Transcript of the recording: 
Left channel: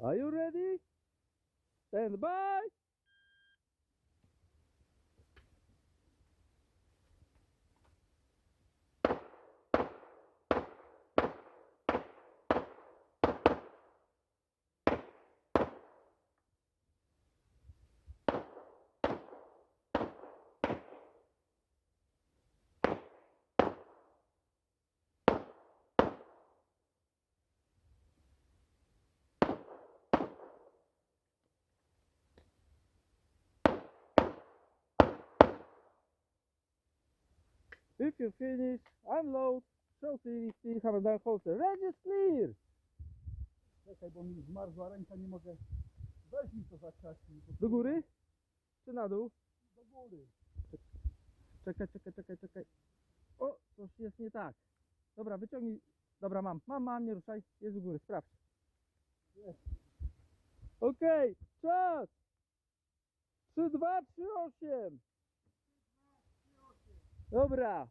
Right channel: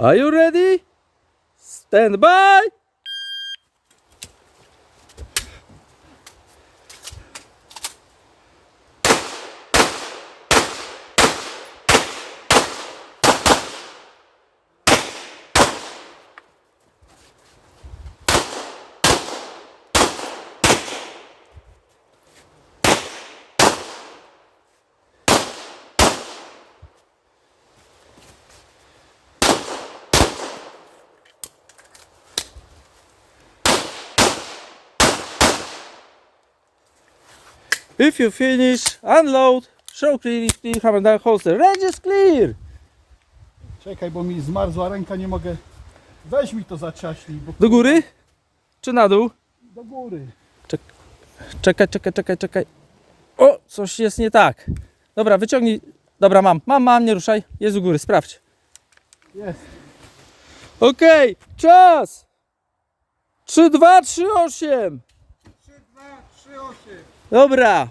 Are you ready? Stand by! If you finish, unload, show clear, clear, hammer down holster. Range is clear! Czekaj, bo mi zmarzła ręka, nie mogę. Weź mi to zaczaśnij, bo Do góry? Czy na dół? do góry. Czekaj, czekaj, czekaj, czekaj. O, coś jest nie tak. Dobra, wyciągnij. Dobra, mam, mam, mam, nie ruszaj. Jest u góry, sprawdź. Jest. Okej, czas! 3, 2, 3, 8. 3, 2, 3, 8. Dobra.